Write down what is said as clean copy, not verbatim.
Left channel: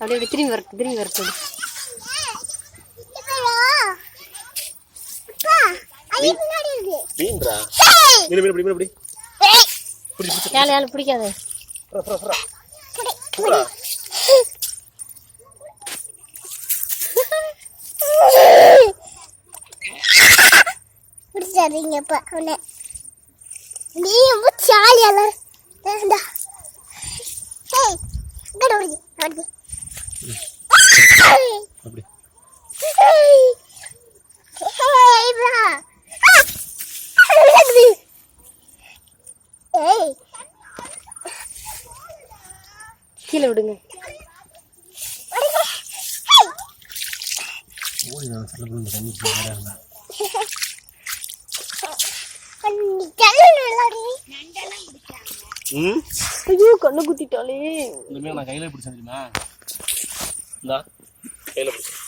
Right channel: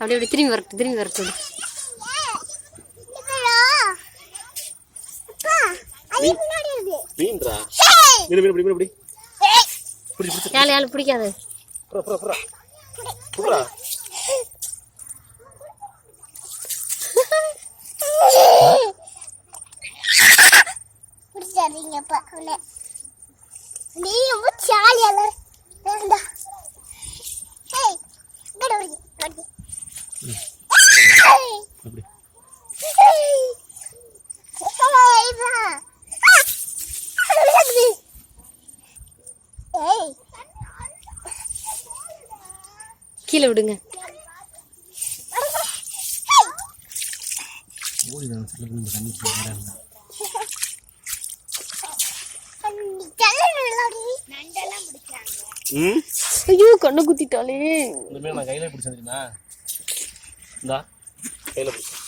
அப்படியே அப்படி திரும்பி வரட்டும் மீன்டா யாழ் பிடிக்காது கீழே விடுங்க. ஐயோ கண்ணு குத்திட்டாலே. நான் கையில பிடிச்சேன் தெரியுமா? கையில பிடிச்சேன்.